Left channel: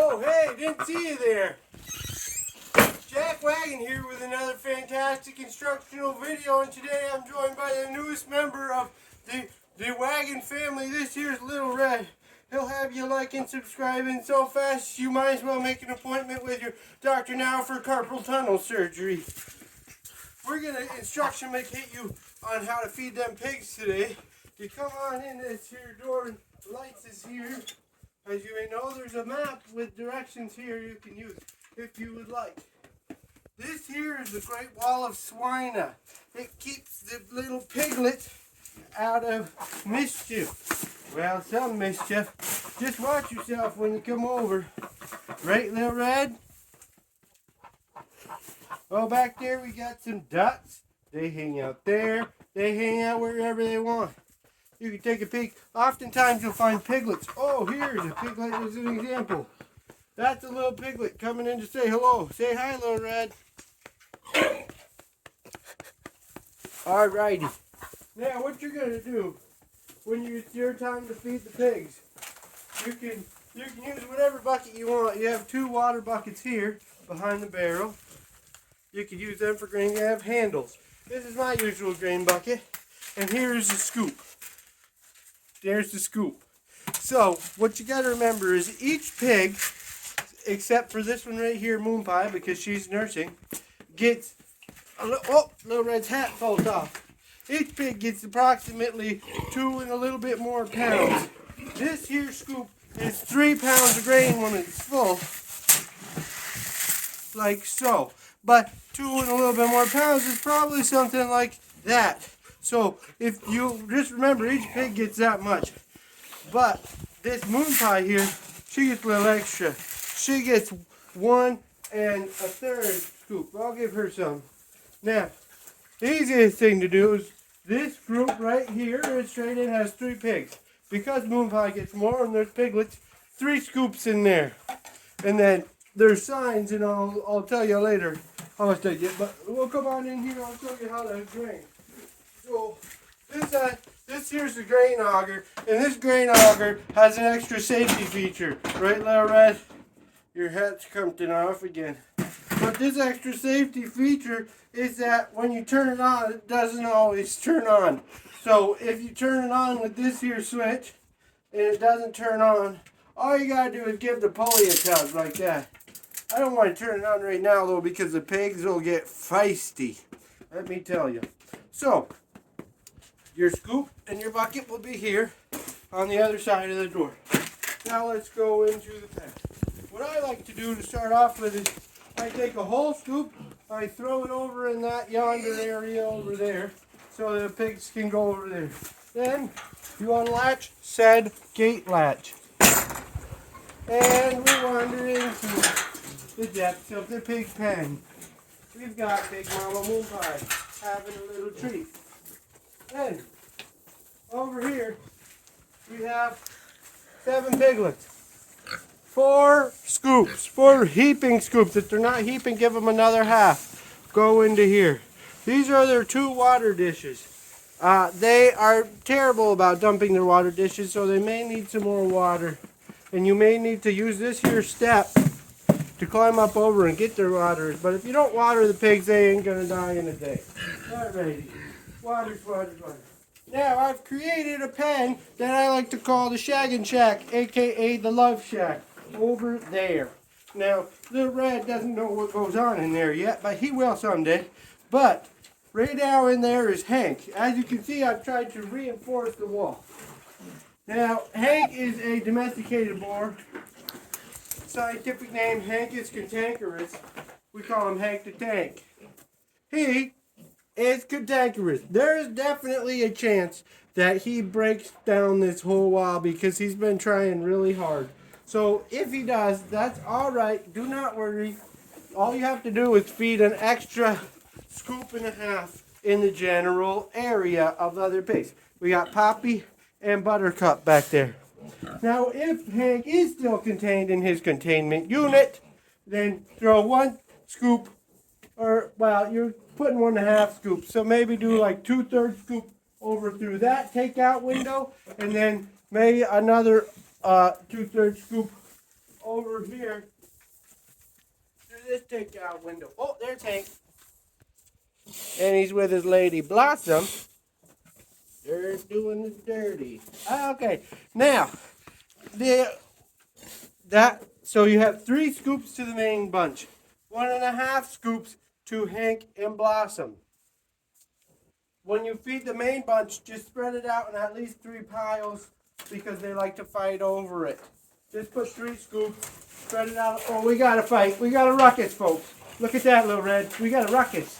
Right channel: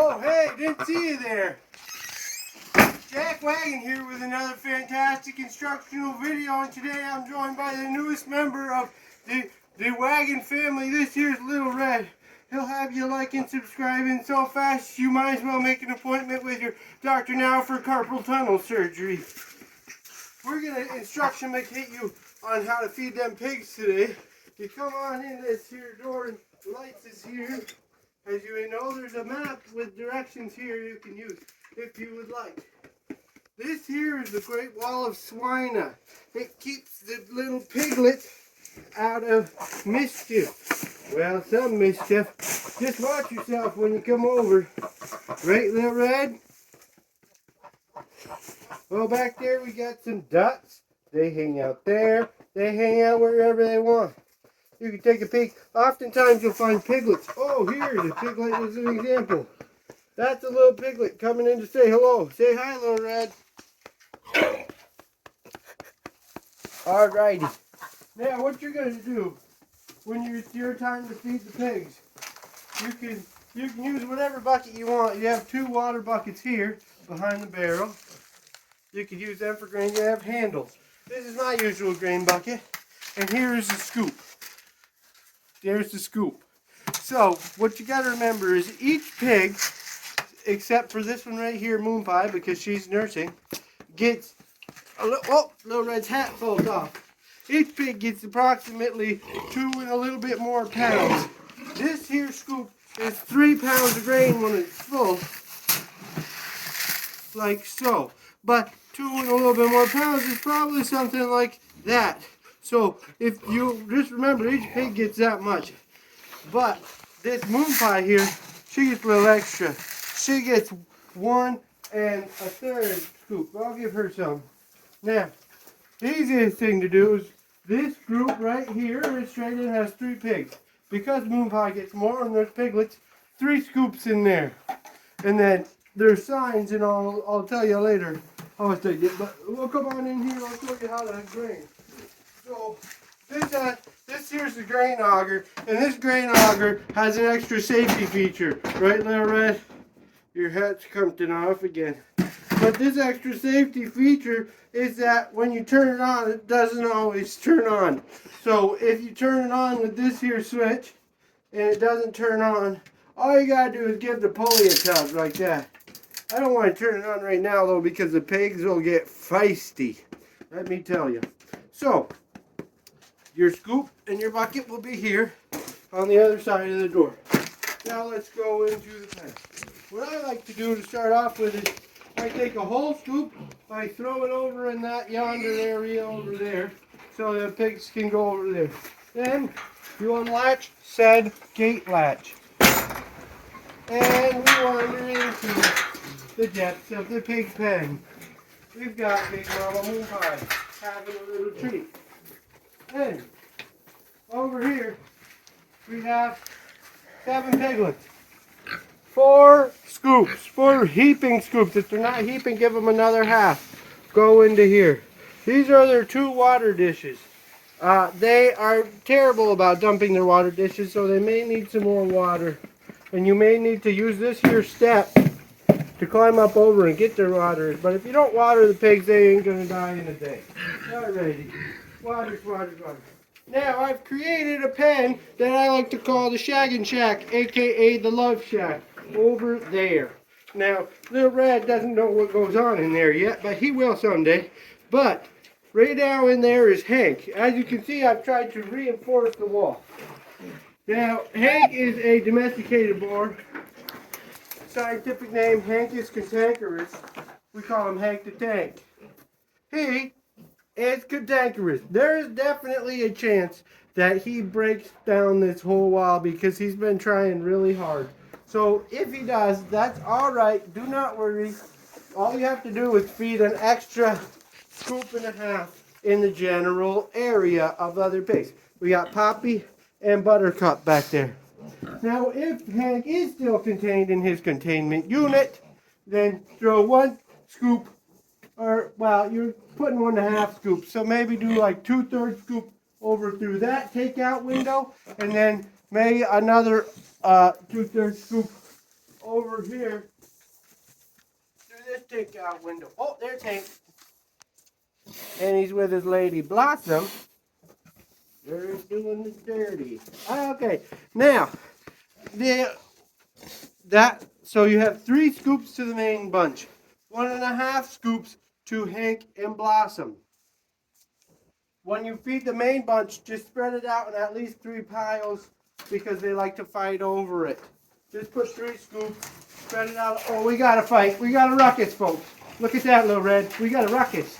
Oh, hey, didn't see you there. Jack Wagon here with another fantastic instructional video, and today I'm joined by the newest member of the Wagon family. This here's Little Red. He'll have you like and subscribing so fast you might as well make an appointment with your doctor now for carpal tunnel surgery. We're going to instructimacate you on how to feed them pigs today. You come on in, this here door and lights is here. As you may know, there's a map with directions here you can use if you would like. This here is the Great Wall of Swine. It keeps the little piglet out of mischief. Well, some mischief. Just watch yourself when you come over. Right, Little Red? Oh, back there we got some ducks. They hang out there. They hang out wherever they want. You can take a peek. Oftentimes you'll find piglets. Oh, here's a piglet as an example. That's a little piglet coming in to say hello. Say hi, Little Red. Alrighty. Now what you're going to do when it's your time to feed the pigs, you can use whatever bucket you want. You have 2 water buckets here behind the barrel. You can use them for grain. You have handles. This is my usual grain bucket. And here's the scoop. There's the scoop. So, what you got to remember is each pig, except for this one right here, Moon Pie, because she's nursing, gets Little Red's hat falls off. Each pig gets approximately 2 and a little bit more pounds. This here scoop is 3 pounds of grain when it's full, like so. But 2 and a little bit more pounds is probably something like that. So, if you just remember, each pig gets that much. But this Moon Pie here, she gets a little extra. She gets 1 1/3 scoop. I'll give her some. Now, the easiest thing to do is this group right here is straight in has 3 pigs. Because Moon Pie gets more and there's piglets, 3 scoops in there. And then there's signs, and I'll tell you later how much they get. But we'll come on in here. I'll show you how to grain. So this here's the grain auger, and this grain auger has an extra safety feature. Right, Little Red? Your hat's coming off again. But this extra safety feature is that when you turn it on, it doesn't always turn on. So if you turn it on with this here switch, and it doesn't turn on, all you gotta do is give the pulley a tug like that. I don't want to turn it on right now though, because the pigs will get feisty. Let me tell you. So, your scoop and your bucket will be here on the other side of the door. Now let's go into the pen. What I like to do to start off with is I take a whole scoop, I throw it over in that yonder area over there so the pigs can go over there. Then you unlatch said gate latch. And we wander into the depths of the pig pen. We've got Big Mama Moon Pie having a little treat. Then, over here, we have 7 piglets. 4 scoops, 4 heaping scoops. If they're not heaping, give them another half. Go into here. These are their 2 water dishes. They are terrible about dumping their water dishes, so they may need some more water. And you may need to use this here step to climb up over and get their water. But if you don't water the pigs, they ain't going to die in a day. Alrighty. Water. Now, I've created a pen that I like to call the Shaggin' Shack, a.k.a. the Love Shack, over there. Now, Little Red doesn't know what goes on in there yet, but he will someday. But, right now in there is Hank. As you can see, I've tried to reinforce the wall. Now, Hank is a domesticated boar. Scientific name, Hancus cantankerous. We call him Hank the Tank. He is cantankerous. There is definitely a chance that he breaks down this whole wall because he's been trying really hard. So if he does, that's alright. Do not worry. All you have to do is feed an extra scoop and a half in the general area of the other pigs. We got Poppy and Buttercup back there. Now if Hank is still contained in his containment unit, then throw 1 scoop, or well, you're putting 1 1/2 scoop, so maybe do like 2/3 scoop over through that takeout window, and then maybe another 2/3 scoop over here through this takeout window. Oh, there's Hank. And he's with his lady Blossom. They're doing the dirty. Okay, now so you have 3 scoops to the main bunch, 1.5 scoops to Hank and Blossom. When you feed the main bunch, just spread it out in at least 3 piles because they like to fight over it. Just put 3 scoops, spread it out. Oh, we got a fight. We got a ruckus, folks. Look at that, Little Red. We got a ruckus.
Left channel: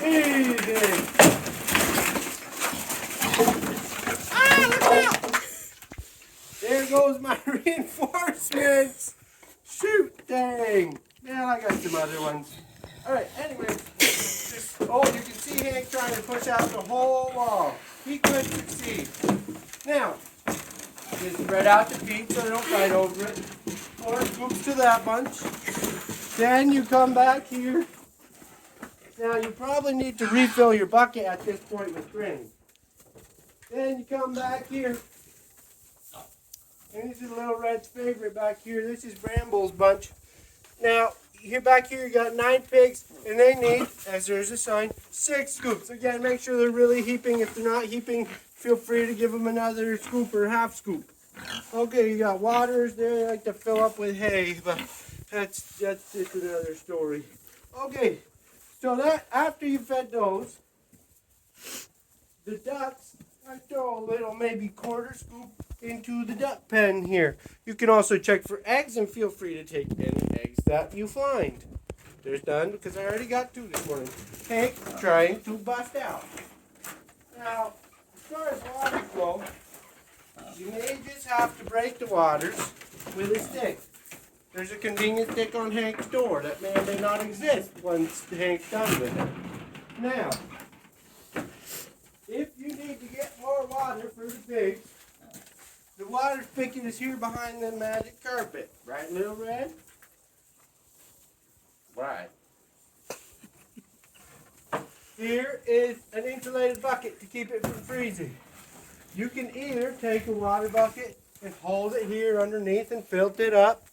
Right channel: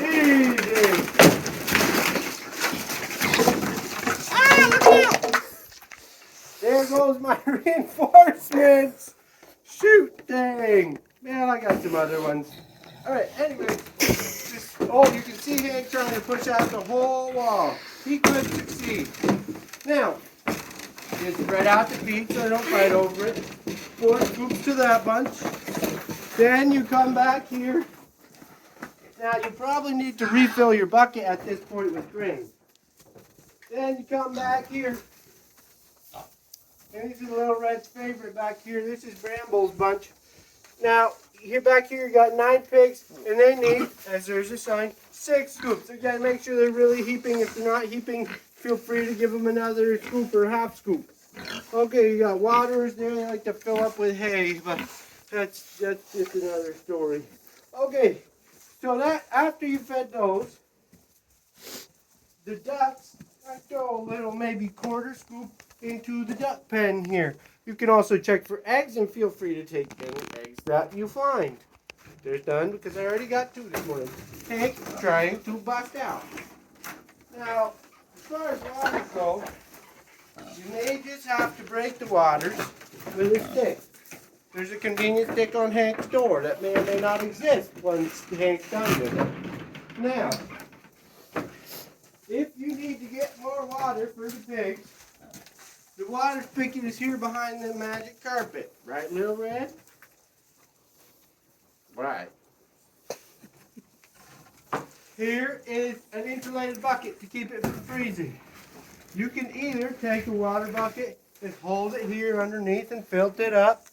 Easy. Ah, look out! There goes my reinforcements. Shoot, dang. Well, I got some other ones. Alright, anyway. Oh, you can see Hank trying to push out the whole wall. He could succeed. Now, just spread out the feet so they don't fight over it. 4 scoops to that bunch. Then you come back here. Now, you probably need to refill your bucket at this point with grain. Then you come back here. And this is Little Red's favorite back here. This is Bramble's bunch. Now, here back here you got 9 pigs, and they need, as there's a sign, 6 scoops. Again, make sure they're really heaping. If they're not heaping, feel free to give them another scoop or half scoop. Okay, you got waters there. They like to fill up with hay, but that's just another story. Okay, so that after you fed those, the ducks, I throw a little maybe quarter scoop into the duck pen here. You can also check for eggs and feel free to take any eggs that you find. There's none because I already got 2 this morning. Hank trying to bust out. Now, as far as waters go, you may just have to break the waters with a stick. There's a convenient stick on Hank's door that may or may not exist once Hank's done with it. Now, if you need to get more water for the pigs, the water spigot is here behind the magic carpet. Right, Little Red? Right. Here is an insulated bucket to keep it from freezing. You can either take a water bucket and hold it here underneath and fill it up.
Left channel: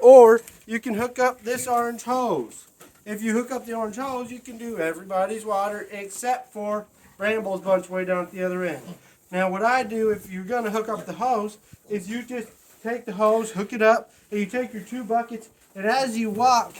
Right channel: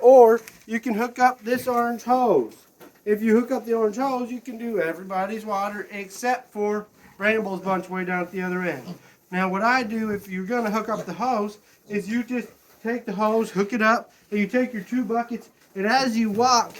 Or you can hook up this orange hose. If you hook up the orange hose, you can do everybody's water except for Rainbow's bunch way down at the other end. Now what I do if you're going to hook up the hose is you just take the hose, hook it up, and you take your 2 buckets, and as you walk,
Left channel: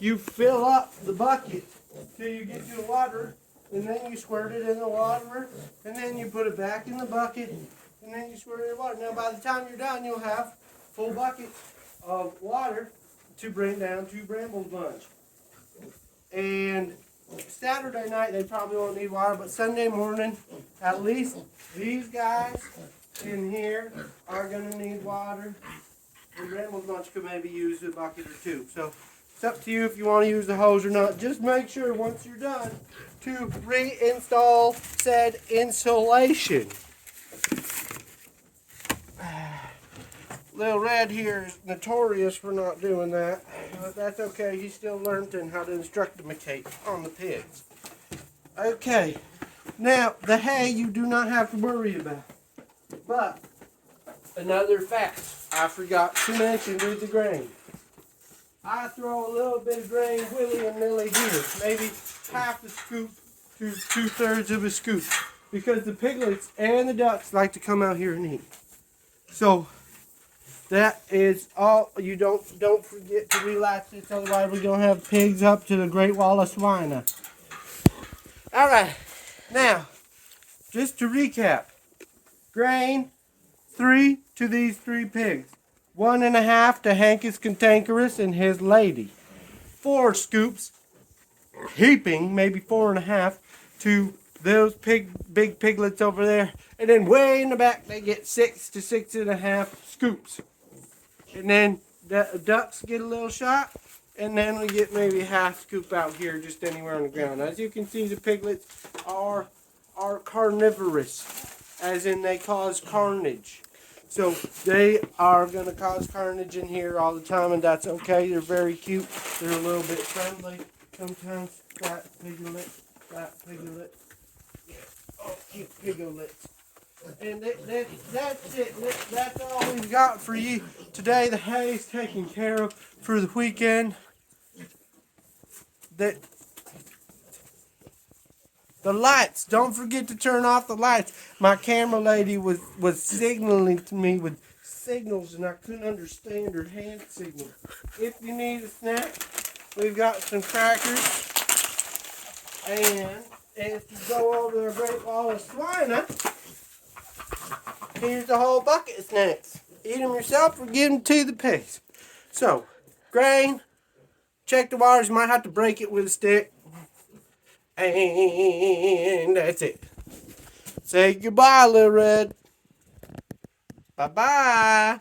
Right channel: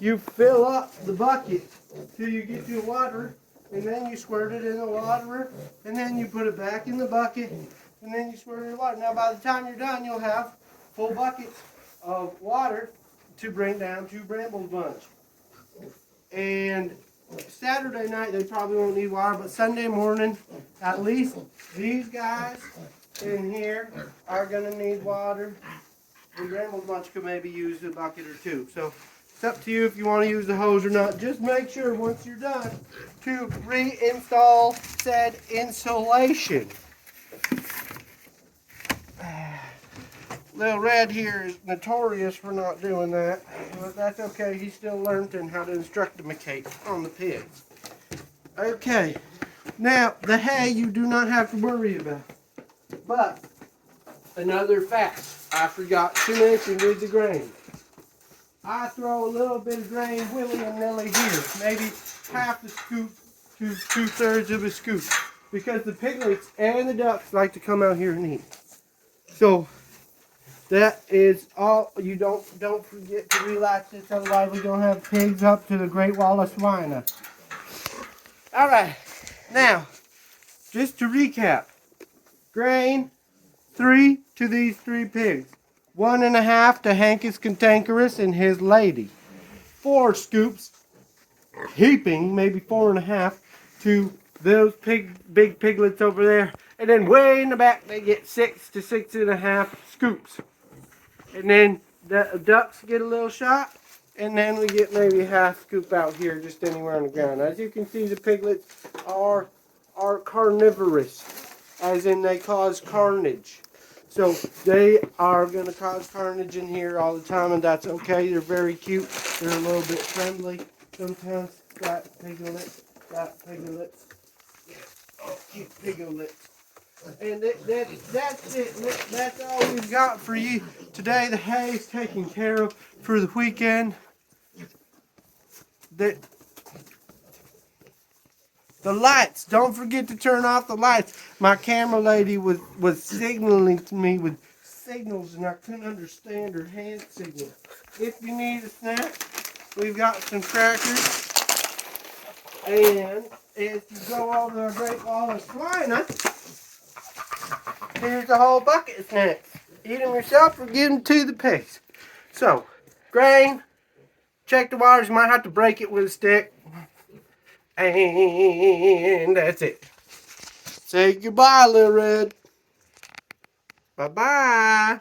you fill up the bucket till you get to the water, and then you squirt it in the water, and then you put it back in the bucket, and then you squirt it in the water. Now by the time you're done, you'll have full buckets of water to bring down to Bramble's bunch. And Saturday night they probably won't need water, but Sunday morning, at least these guys in here are going to need water. The Bramble's bunch could maybe use a bucket or 2. So it's up to you if you want to use the hose or not. Just make sure once you're done to reinstall said insulation. Little Red here is notorious for not doing that, but that's okay. He's still learning how to instructimacate on the pigs. Okay, now the hay you do not have to worry about. But another fact I forgot to mention with the grain. I throw a little bit of grain willy-nilly here, maybe half a scoop to 2/3 of a scoop, because the piglets and the ducks like to come out here and eat. So that is all. You don't forget to relax this, otherwise we're going to have pigs up to the Great Wall of Swine. Alright, now, just to recap. Grain, 3 to these 3 pigs. 1.5 to Hankus Cantankerous and his lady. 4 scoops, heaping, maybe 4.5, to those big piglets over there. And then way in the back they get 6 to 6.5 scoops. And then the ducks get a little shot, and then we get maybe a half scoop out here, just anywhere on the ground. As you can see, the piglets are carnivorous, as in they cause carnage. So they are going to cause carnage in here all the time, and that's okay. They're very cute. They're a little bit friendly sometimes. Flat piglet. Yeah. Oh, cute. piglets. And that's it. That's all we've got for you today. The hay's taken care of for the weekend. The lights. Don't forget to turn off the lights. My camera lady was signaling to me with signals, and I couldn't understand her hand signal. If you need a snack, we've got some crackers. And if you go over and break all the slime, here's a whole bucket of snacks. Eat them yourself or give them to the pigs. So, grain, check the waters. Might have to break it with a stick. And that's it. Say goodbye, Little Red. Bye-bye.